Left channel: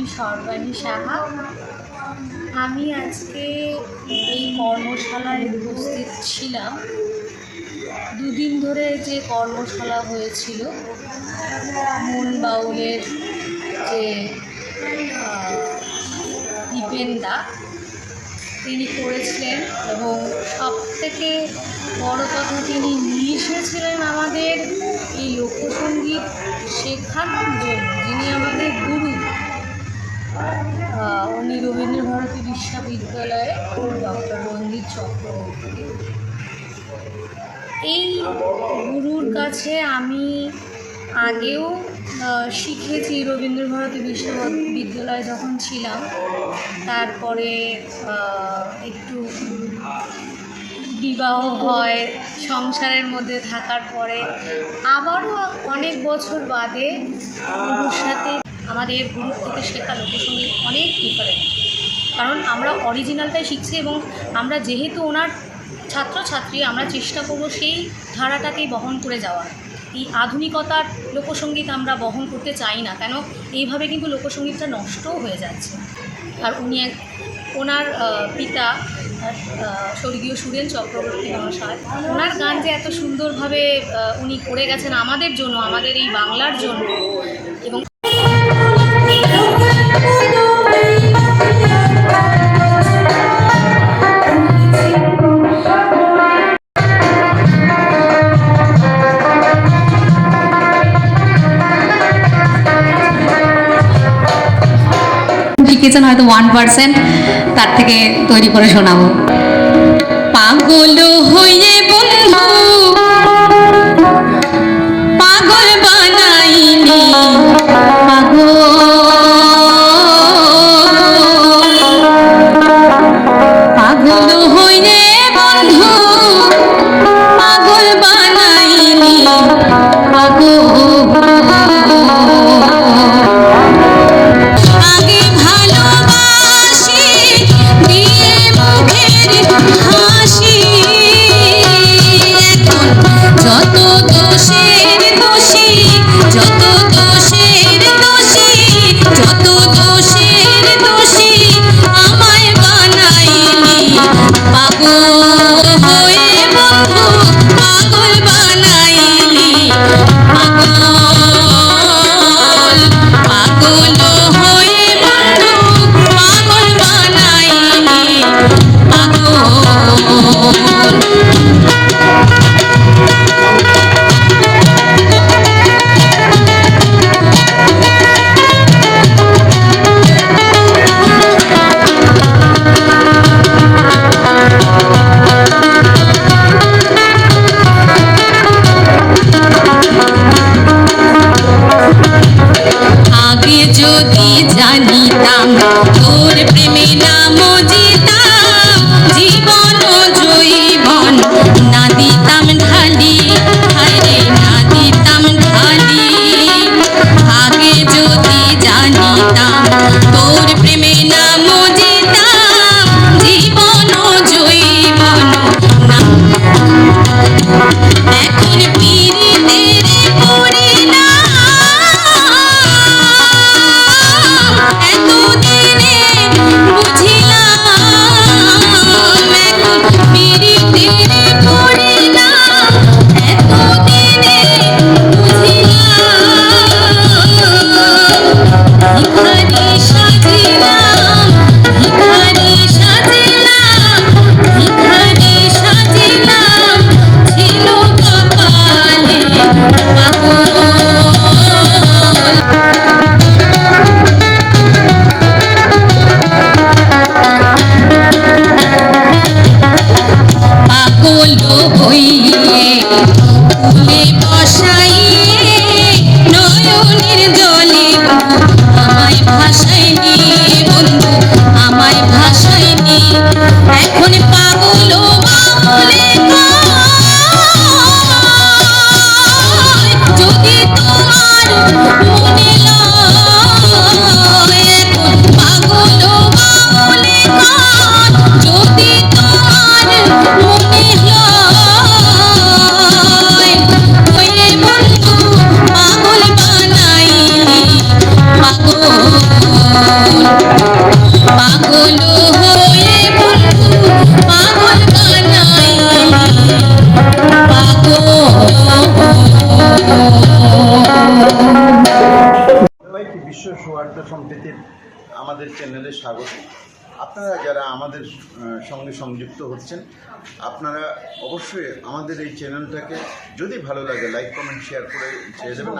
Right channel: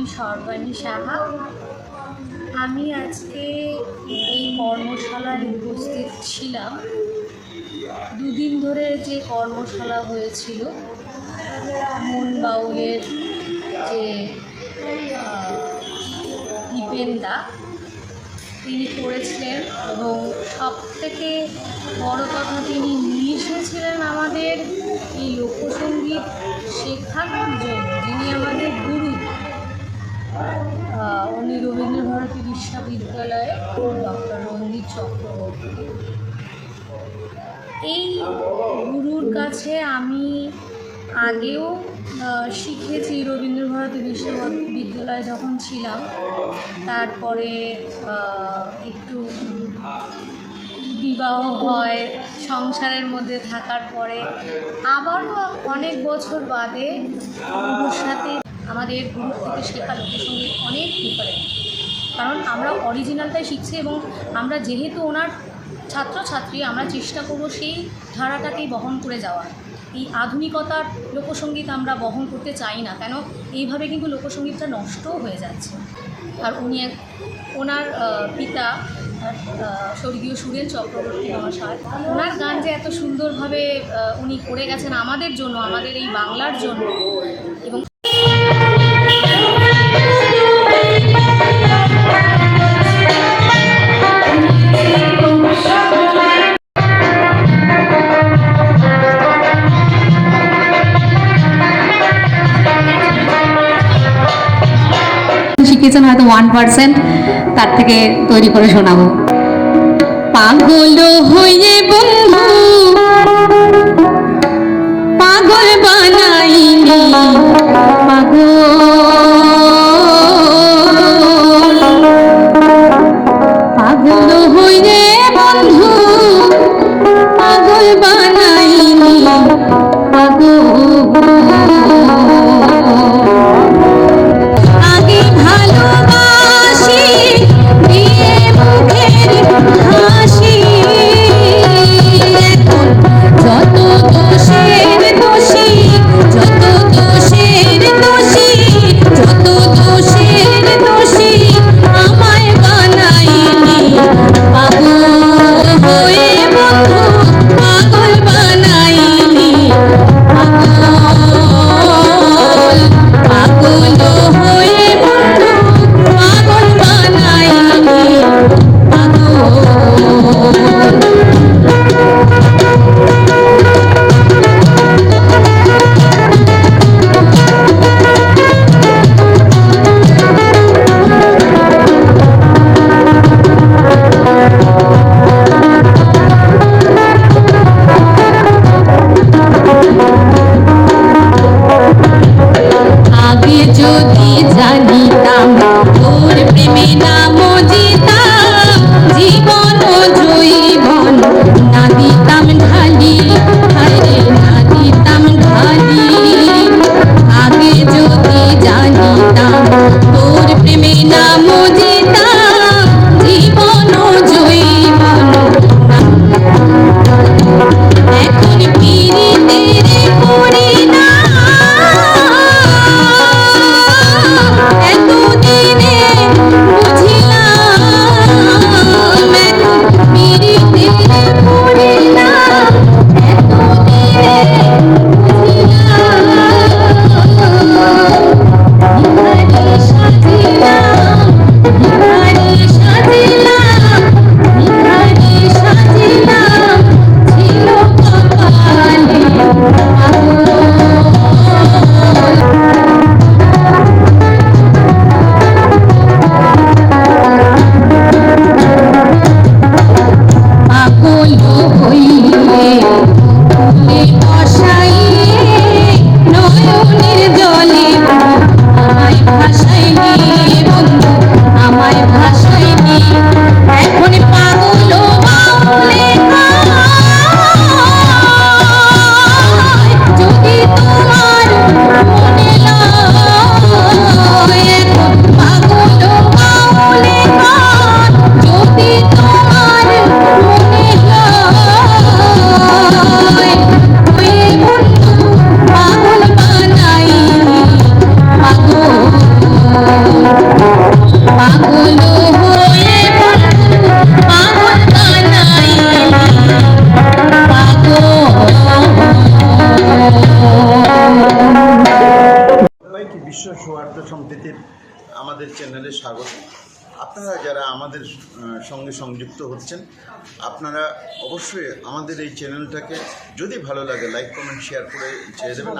আমি সর্বাণী সাহা। আমি আজকে এই কর্মশালায় উপস্থিত ছিলাম। দুদিন ধরে যে কর্মশালা হয়েছিল, মন বাউলের যে দীপেনদা তিনি করেছিলেন, এবং সবথেকে বড় কথা তিনি নিয়ে এসেছিলেন আমাদের এই লোকসঙ্গীত শেখানোর জন্য। যিনি আমাদের গুরু, উনি রবীন্দ্রভারতী বিশ্ববিদ্যালয়ে ডক্টর রঞ্জিত চক্রবর্তী। এই গুরুর কাছে আমি আগেও শিখেছি রবীন্দ্রভারতী বিশ্ববিদ্যালয়ে যখন ছিলাম। তারপরে একটু বিবাহ হয়, সংসারের মধ্যে থাকার পরে আবারও অনেক বছর বাদে গুরুর সাথে আমাদের গুরুর থেকে শেখা লোকসঙ্গীত অনেক ডিফারেন্ট। কারণ আমরা অরিজিনালটাই শিখছি, এবং আমরা যেহেতু ওনার ছাত্রছাত্রী, আমরা চেষ্টা করব সেই ধারাটাকেই বহন করে যাওয়ার। এই আধুনিকতার লোকসঙ্গীত আমরা বহন করতে চাই না, কেন এইভাবে কিন্তু লোকসঙ্গীতটা নষ্টও হয়ে যাচ্ছে। আর ওনার পিতা স্বর্গীয় সুরেন চক্রবর্তী মহাশয়, ওনার গান যে এত সুন্দরভাবে উনি করে গেছেন আমাদের জন্য, আমাদের এই বাংলার জন্য। এবং শিখেছেন হয়তো 1%, তার থেকে তৈরি করে শোনাবো। পাগল হয়ে বন্ধু পাগল বানাইনি, পাগল হয়ে বন্ধু পাগল বানাইনি, হাসি বার্তা সম্প্রীতির আমাদের চ্যানেলে স্বাগত। আপনারা যারা আমাদের সঙ্গে সংযুক্ত হচ্ছেন, আপনারা অবশ্যই আমাদের এই চ্যানেলটাকে যদি ভালো লাগে লাইক কমেন্ট শেয়ার করে ছেড়ে দেবেন।